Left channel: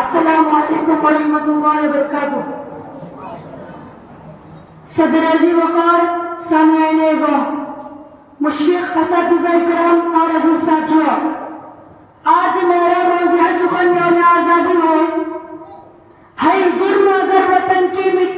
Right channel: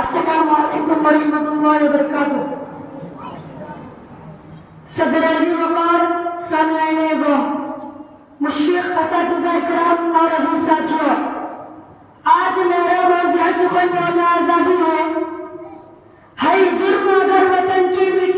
अस्सलामु अलैकुम वरहमतुल्लाहि वबरकातुह। सदर अज़ीम वक़ार सामईन एवं मुशफ़िक़ असातिज़ा किराम और अज़ीज़ साथियों, आज मेरा मौज़ूअ सुख़न यौम आज़ादी है जुर्म अगर वतन की मिट्टी